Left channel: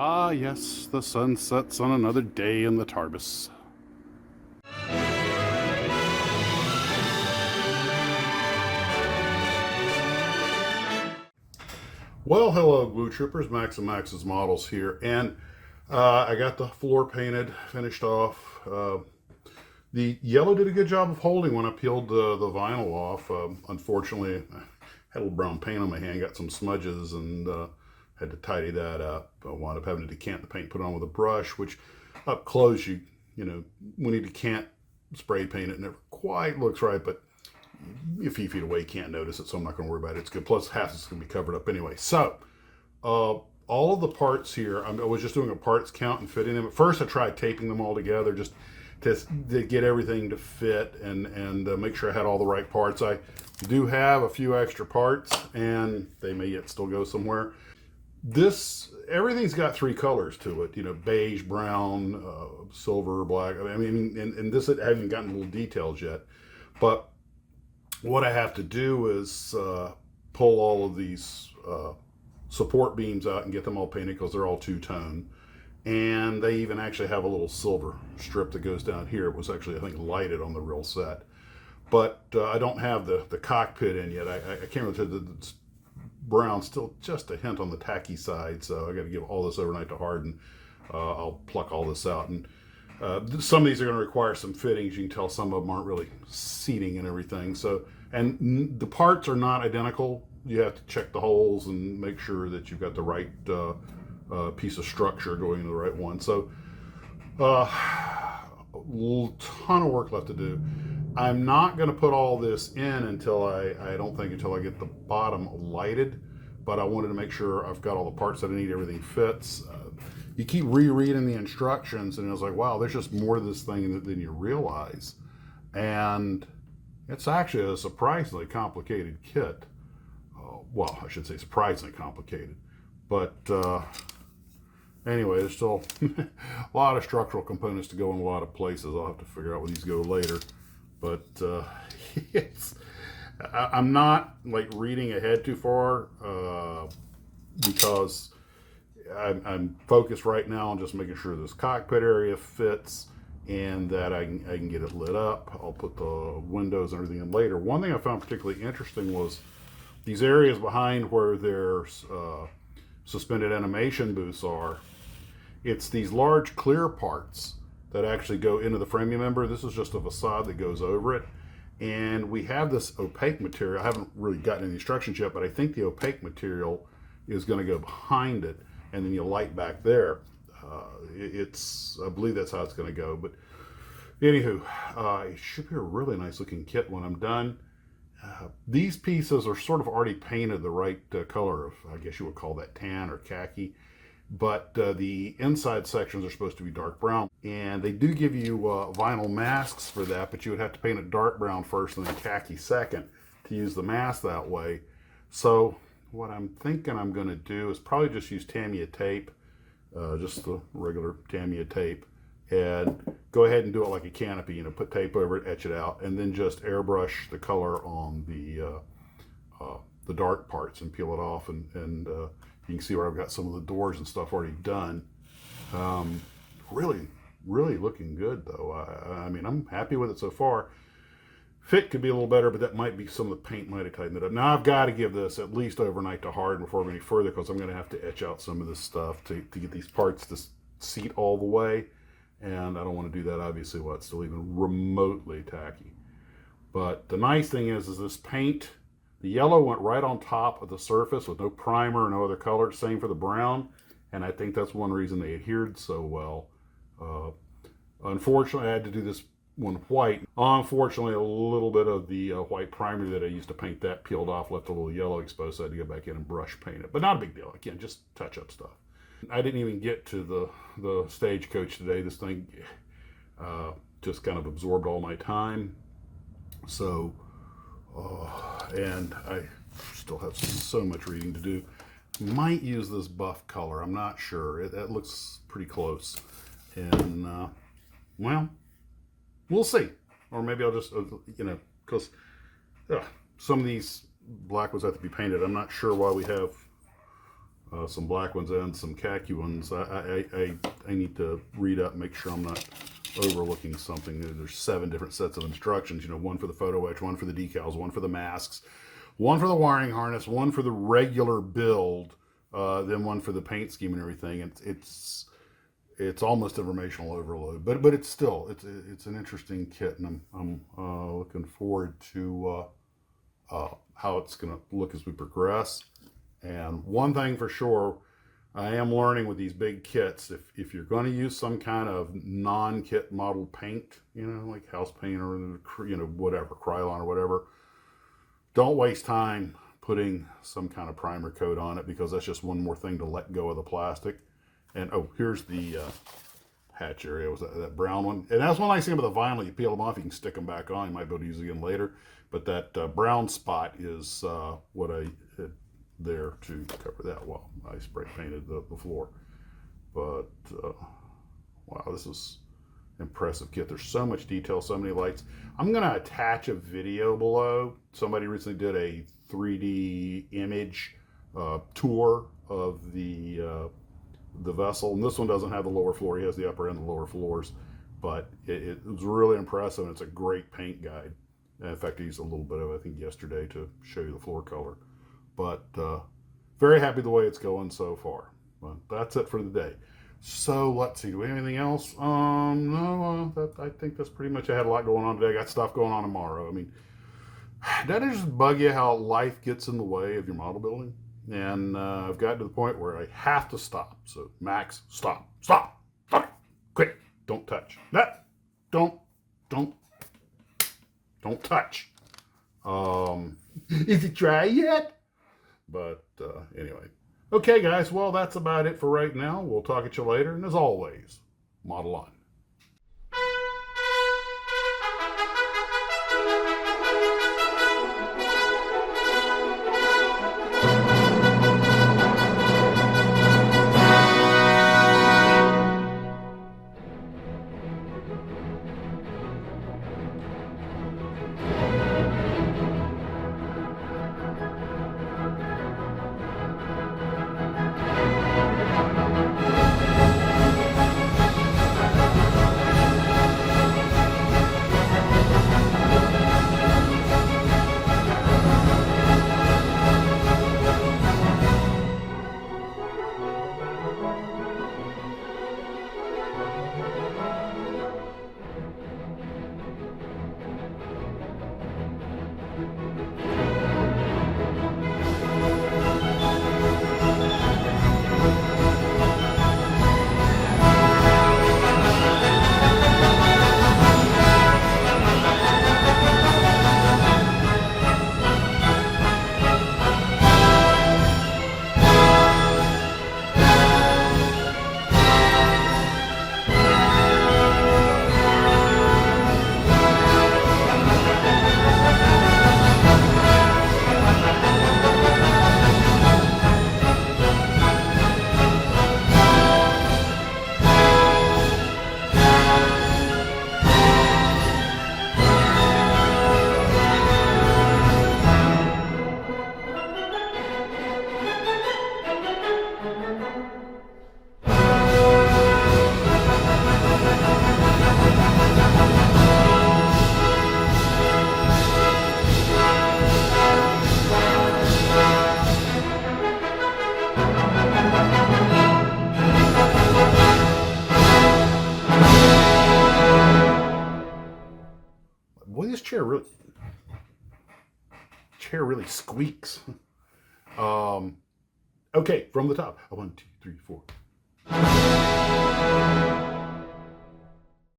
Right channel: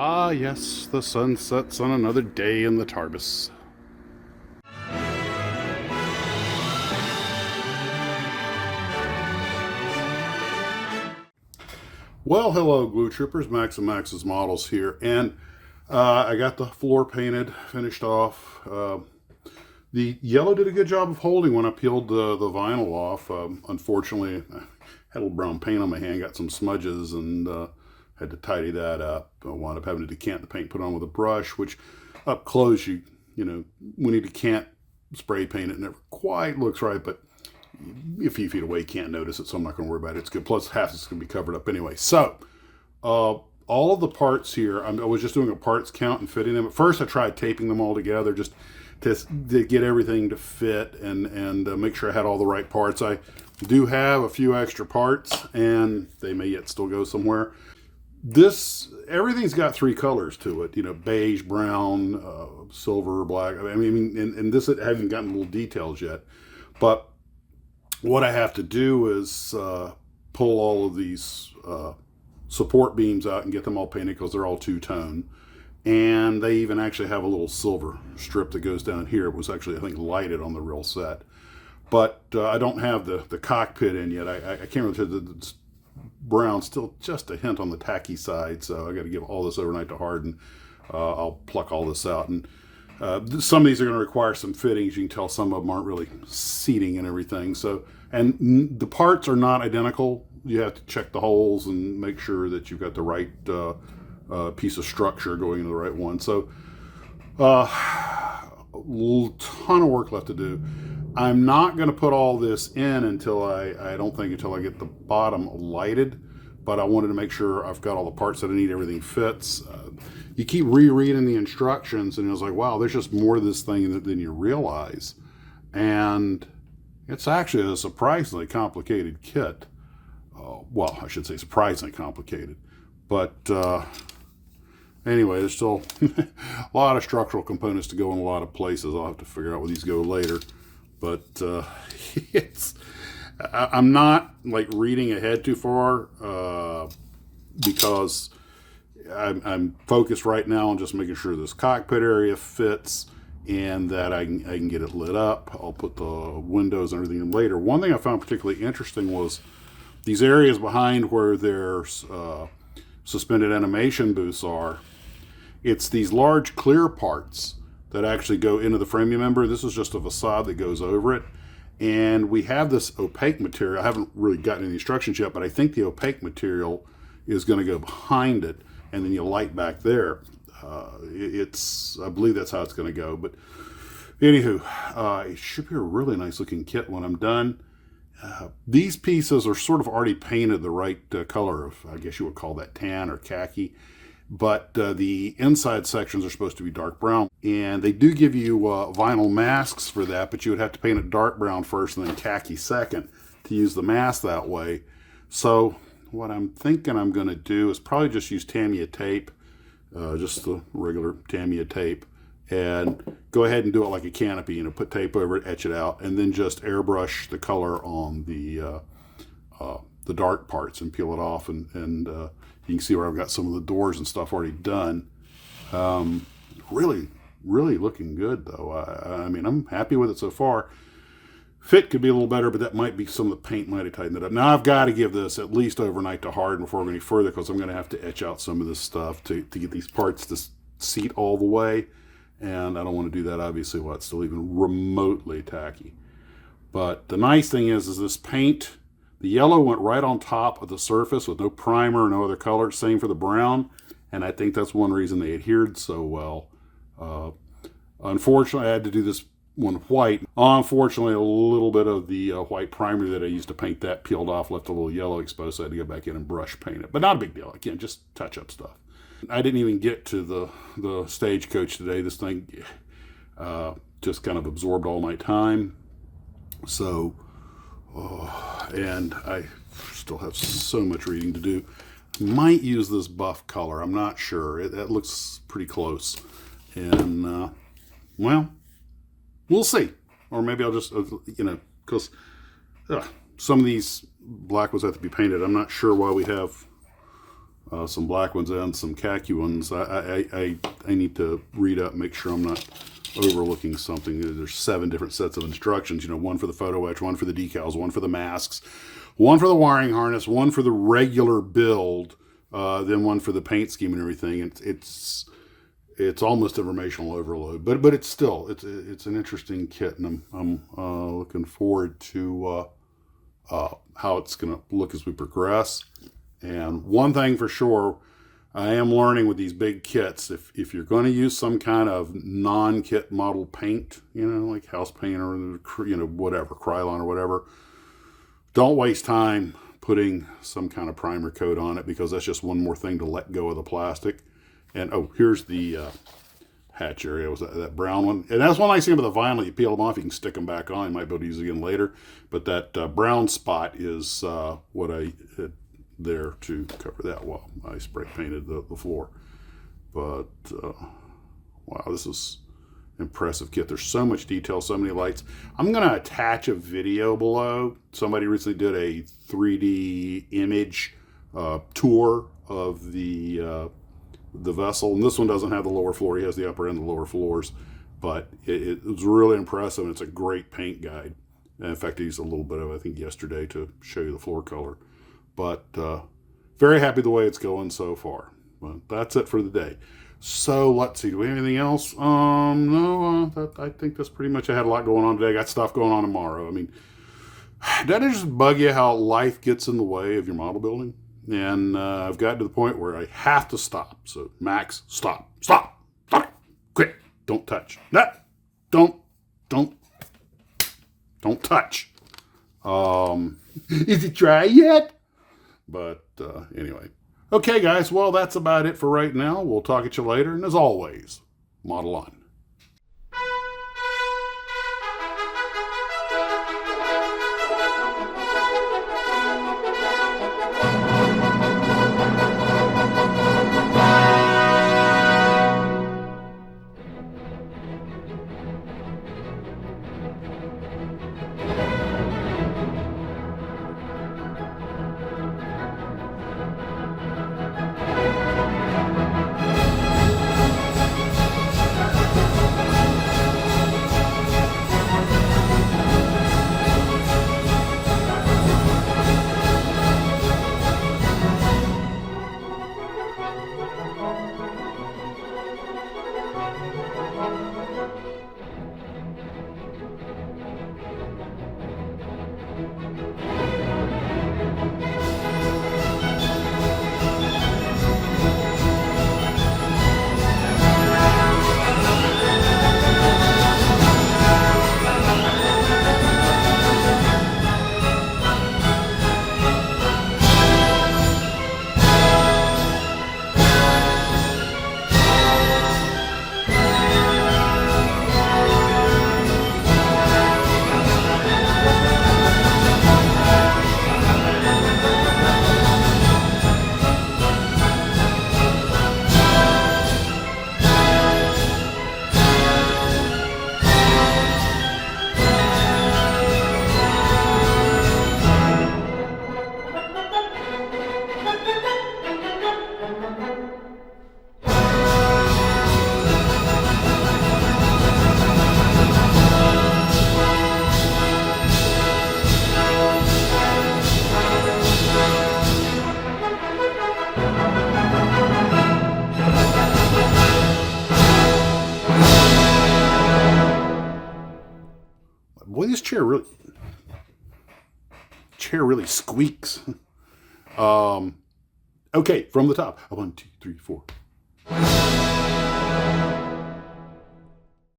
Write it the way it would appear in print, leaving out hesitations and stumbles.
Ah, yes, the sun sets on another day in the Tarbis. Well, hello, Glue Troopers. Max and Max's Models here, and I got the floor painted, finished off. The yellow did a good job of holding when I peeled the vinyl off. Unfortunately, I had a little brown paint on my hand, got some smudges, and had to tidy that up. I wound up having to decant the paint, put on with a brush, which up close, when you decant spray paint, it never quite looks right, but a few feet away, you can't notice it, so I'm not going to worry about it. It's good. Plus, half it's going to be covered up anyway. So, all of the parts here, I was just doing a parts count and fitting them. At first, I tried taping them all together just to get everything to fit and make sure I had all the right parts. I do have a few extra parts, and they may yet still go somewhere. Everything's got three colors to it, beige, brown, silver, black. I mean, and this, I haven't gotten little details yet, but what I have to do is pull all of these support beams out and get them all painted because they're all two-tone. And they even actually have a little silver strip that goes down here. It was actually, I think, lighted on the real set. But I don't have the cockpit in yet. I can't really tell the brown, still just a hint on the tacky side. So I got to give all this overnight to harden. I'll pluck all this out. And some of these are going to require some fittings. You can tell some of them aren't really seating and everything. So, and the parts are not identical. You have to check the holes and make sure that you've got the right piece of structure going into the right one. So, a ton of work left to do. I'm not going to put all this in until I don't think until I get the bottom lighted, but I wanted to make sure I've got all the parts that I need, everything fits. You keep rereading the instructions, and it's like, wow, there's just more to this thing than you realize. And it's actually a surprisingly complicated kit. Well, I should say surprisingly complicated. But anyway, there's still a lot of structural components to go in a lot of places. I'll have to figure out where these go later. But I'm not like reading ahead too far because I'm focused right now on just making sure this cockpit area fits and that I can get it lit up. I'll put the windows and everything in later. One thing I found particularly interesting was these areas behind where there's suspended animation booths are. It's these large clear parts that actually go into the frame. Remember, this is just a facade that goes over it. And we have this opaque material. I haven't really gotten any instructions yet, but I think the opaque material is going to go behind it, and then you light back there. I believe that's how it's going to go. But anywho, it should be a really nice looking kit when I'm done. These pieces are sort of already painted the right color of, I guess you would call that tan or khaki. But the inside sections are supposed to be dark brown. And they do give you vinyl masks for that, but you would have to paint it dark brown first and then khaki second to use the mask that way. So what I'm thinking I'm going to do is probably just use Tamiya tape, just the regular Tamiya tape, and go ahead and do it like a canopy, put tape over it, etch it out, and then just airbrush the color on the dark parts and peel it off. And you can see where I've got some of the doors and stuff already done. Really, really looking good, though. I mean, I'm happy with it so far. Fit could be a little better, but that might be some of the paint might have tightened it up. Now, I've got to give this at least overnight to harden before I go any further, because I'm going to have to etch out some of this stuff to get these parts to seat all the way. And I don't want to do that, obviously, while it's still even remotely tacky. But the nice thing is this paint, the yellow went right on top of the surface with no primer or no other color. Same for the brown. And I think that's one reason they adhered so well. Unfortunately, I had to do this one white. Unfortunately, a little bit of the white primer that I used to paint that peeled off, left a little yellow exposed, so I had to go back in and brush paint it. But not a big deal. Again, just touch-up stuff. I didn't even get to the Stagecoach today. This thing just kind of absorbed all my time. So, and I still have so much reading to do. Might use this buff color. I'm not sure. It looks pretty close. And, well, we'll see. Or maybe I'll just, because some of these black ones have to be painted. I'm not sure why we have some black ones and some khaki ones. I need to read up, make sure I'm not overlooking something. There's 7 different sets of instructions, you know, one for the photo etch, one for the decals, one for the masks, one for the wiring harness, one for the regular build, then one for the paint scheme and everything. It's almost informational overload, but it's still it's an interesting kit, and I'm looking forward to how it's going to look as we progress. And one thing for sure, I am learning with these big kits, if you're going to use some kind of non-kit model paint, you know, like house paint or, you know, whatever, Krylon or whatever, don't waste time putting some kind of primer coat on it, because that's just one more thing to let go of the plastic. And oh, here's the hatch area, was that brown one. And that's one nice thing about the vinyl, you peel them off, you can stick them back on. You might be able to use it again later. But that brown spot is what I had there to cover that. Well, I spray painted the floor. But wow, this is impressive kit. There's so much detail, so many lights. I'm going to attach a video below. Somebody recently did a 3D image tour of the vessel, and this one doesn't have the lower floor. He has the upper and the lower floors, but it was really impressive, and it's a great paint guide. And in fact, I used a little bit of it, I think, yesterday to show you the floor color. But very happy the way it's going so far. But that's it for the day. So let's see, do we have anything else? No, I think that's pretty much. I had a lot going on today. Got stuff going on tomorrow. I mean, doesn't it just bug you how life gets in the way of your model building? And I've gotten to the point where I have to stop. So Max, stop, quit, don't touch. No, don't touch. Is it dry yet? But anyway. Okay, guys, well, that's about it for right now. We'll talk at you later. And as always, model on. Boy, this chair really squeaks. Okay, from the top. 1, 2, 3, 4.